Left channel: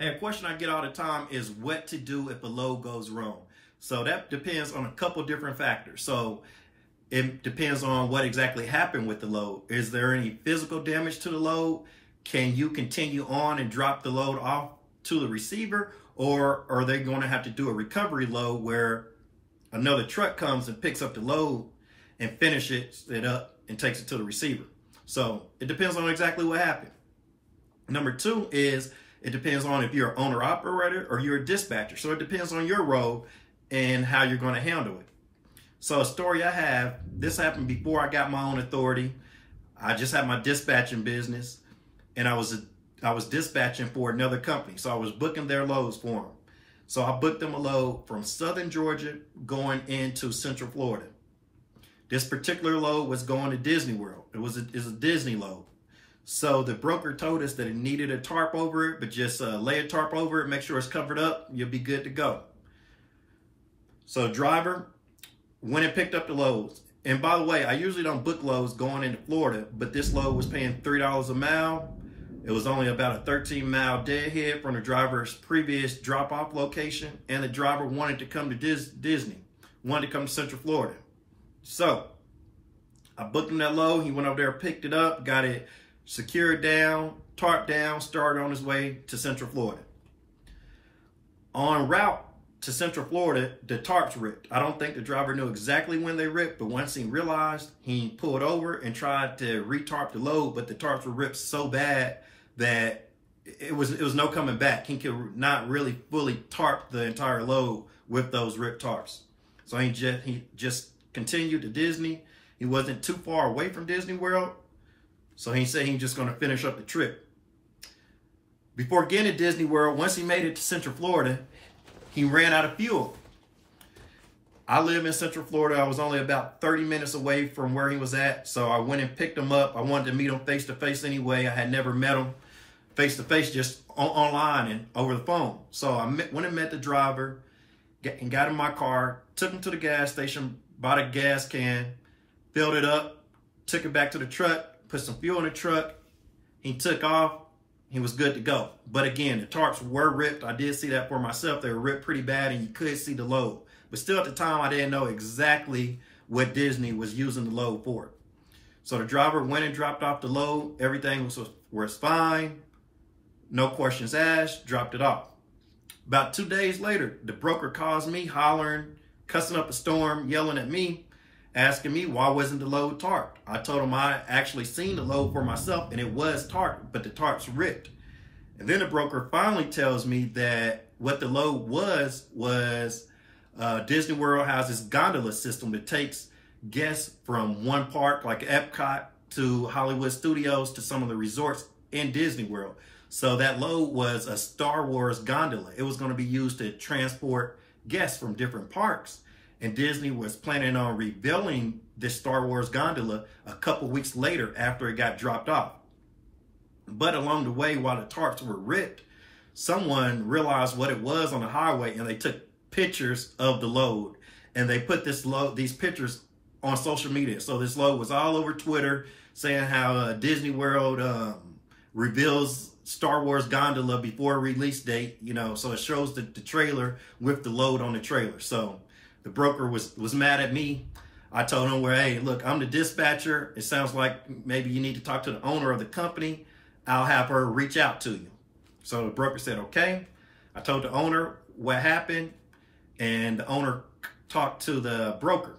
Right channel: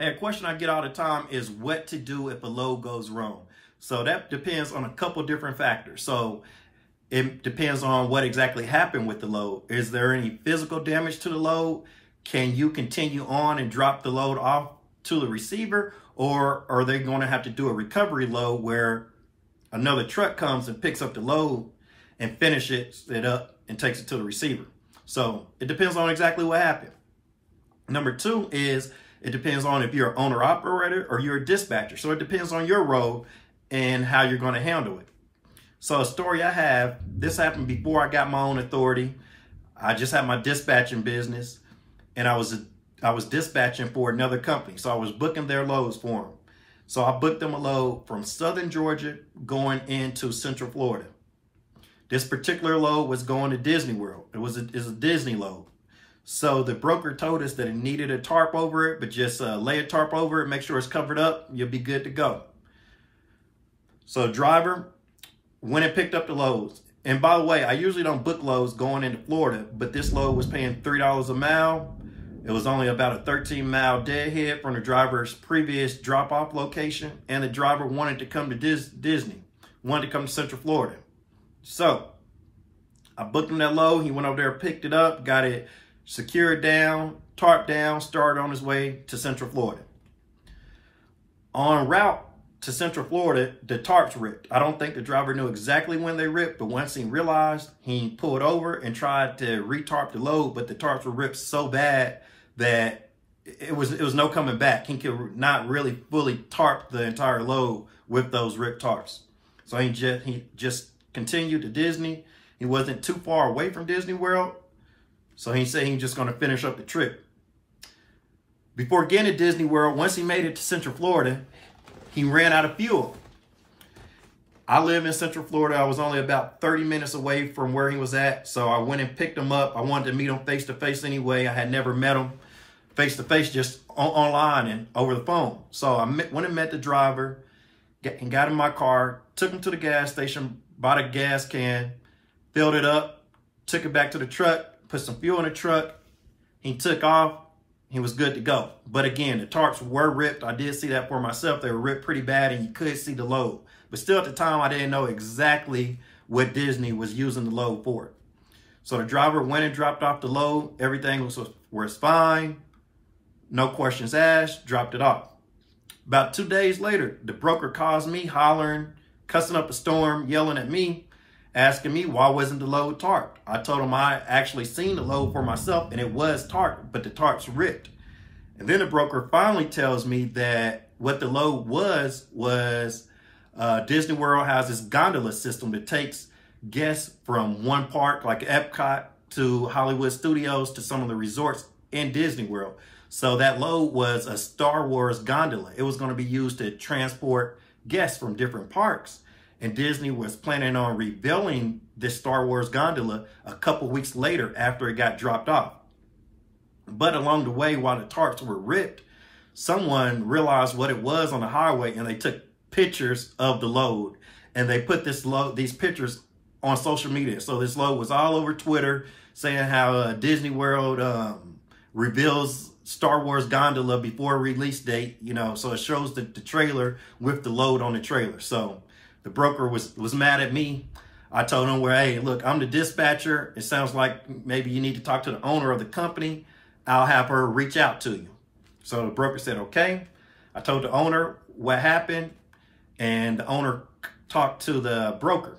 Hey, a question I get all the time is what to do if a load goes wrong. So that depends on a couple different factors. So it depends on what exactly happened with the load. Is there any physical damage to the load? Can you continue on and drop the load off to the receiver? Or are they going to have to do a recovery load where another truck comes and picks up the load and finishes it up and takes it to the receiver? So it depends on exactly what happened. Number two is it depends on if you're an owner operator or you're a dispatcher. So it depends on your role and how you're going to handle it. So a story I have, this happened before I got my own authority. I just had my dispatching business and I was dispatching for another company. So I was booking their loads for them. So I booked them a load from Southern Georgia going into Central Florida. This particular load was going to Disney World. It was a Disney load. So the broker told us that it needed a tarp over it, but just lay a tarp over it, make sure it's covered up, you'll be good to go. So driver went and picked up the loads. And by the way, I usually don't book loads going into Florida, but this load was paying $3 a mile. It was only about a 13-mile deadhead from the driver's previous drop-off location, and the driver wanted to come to Disney, wanted to come to Central Florida. So I booked him that load. He went over there, picked it up, got it secured down, tarped down, started on his way to Central Florida. En route to Central Florida, the tarps ripped. I don't think the driver knew exactly when they ripped, but once he realized, he pulled over and tried to re-tarp the load, but the tarps were ripped so bad that it was no coming back. He could not really fully tarp the entire load with those ripped tarps. So he just continued to Disney. He wasn't too far away from Disney World, so he said he's just going to finish up the trip. Before getting to Disney World, once he made it to Central Florida, he ran out of fuel. I live in Central Florida. I was only about 30 minutes away from where he was at, so I went and picked him up. I wanted to meet him face-to-face anyway. I had never met him face-to-face, just online and over the phone. So I went and met the driver and got in my car, took him to the gas station, bought a gas can, filled it up, took it back to the truck, put some fuel in the truck. He took off. He was good to go. But again, the tarps were ripped. I did see that for myself. They were ripped pretty bad and you could see the load. But still at the time, I didn't know exactly what Disney was using the load for. So the driver went and dropped off the load. Everything was fine. No questions asked, dropped it off. About 2 days later, the broker calls me hollering, cussing up a storm, yelling at me, asking me why wasn't the load tarped. I told him I actually seen the load for myself and it was tarped, but the tarps ripped. And then the broker finally tells me that what the load was Disney World has this gondola system that takes guests from one park like Epcot to Hollywood Studios to some of the resorts in Disney World. So that load was a Star Wars gondola. It was going to be used to transport guests from different parks. And Disney was planning on revealing this Star Wars gondola a couple weeks later after it got dropped off. But along the way, while the tarps were ripped, someone realized what it was on the highway and they took pictures of the load. And they put these pictures on social media. So this load was all over Twitter saying how Disney World reveals Star Wars gondola before release date, you know, so it shows the trailer with the load on the trailer. So the broker was mad at me. I told him, well, hey, look, I'm the dispatcher. It sounds like maybe you need to talk to the owner of the company. I'll have her reach out to you. So the broker said, okay. I told the owner what happened, and the owner talked to the broker.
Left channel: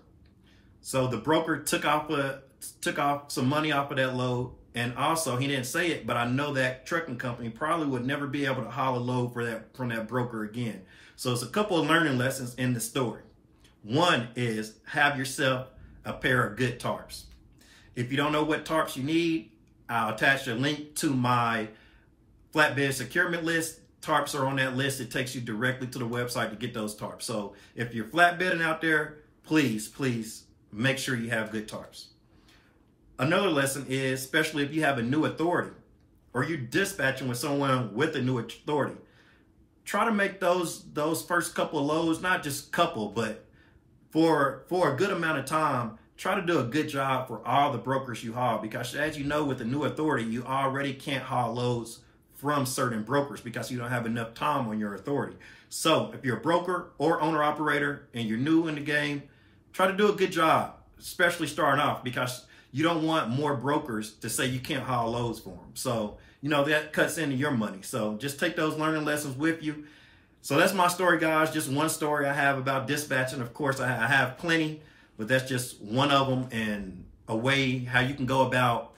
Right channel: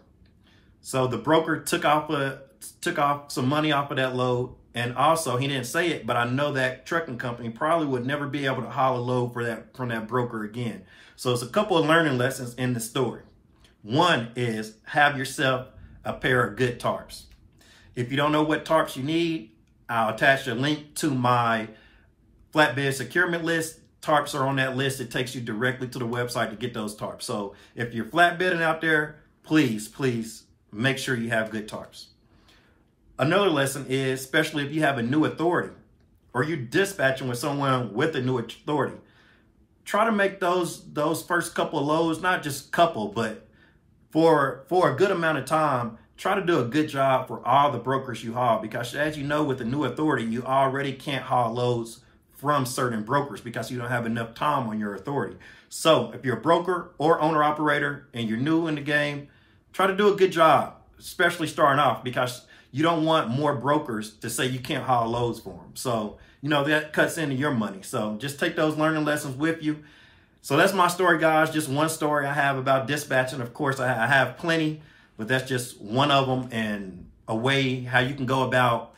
So the broker took off some money off of that load. And also, he didn't say it, but I know that trucking company probably would never be able to haul a load from that broker again. So it's a couple of learning lessons in the story. One is have yourself a pair of good tarps. If you don't know what tarps you need, I'll attach a link to my flatbed securement list. Tarps are on that list. It takes you directly to the website to get those tarps. So if you're flatbedding out there, please make sure you have good tarps. Another lesson is, especially if you have a new authority or you're dispatching with someone with a new authority, try to make those first couple of loads, not just couple, but for a good amount of time, try to do a good job for all the brokers you haul. Because as you know, with the new authority, you already can't haul loads from certain brokers because you don't have enough time on your authority. So if you're a broker or owner operator and you're new in the game, try to do a good job, especially starting off, because you don't want more brokers to say you can't haul loads for them. So, you know, that cuts into your money. So just take those learning lessons with you. So that's my story, guys. Just one story I have about dispatching. Of course, I have plenty, but that's just one of them, and a way how you can go about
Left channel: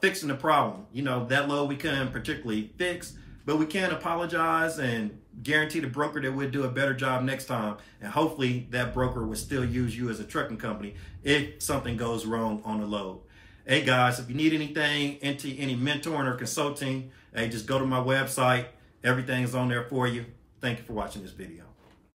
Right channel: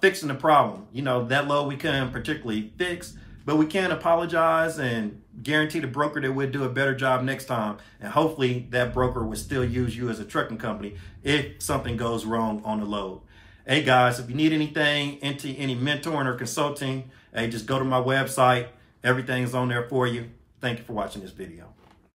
fixing the problem. You know, that load we couldn't particularly fix, but we can apologize and guarantee the broker that we'll do a better job next time. And hopefully that broker will still use you as a trucking company if something goes wrong on the load. Hey guys, if you need anything, into any mentoring or consulting, hey, just go to my website. Everything's on there for you. Thank you for watching this video.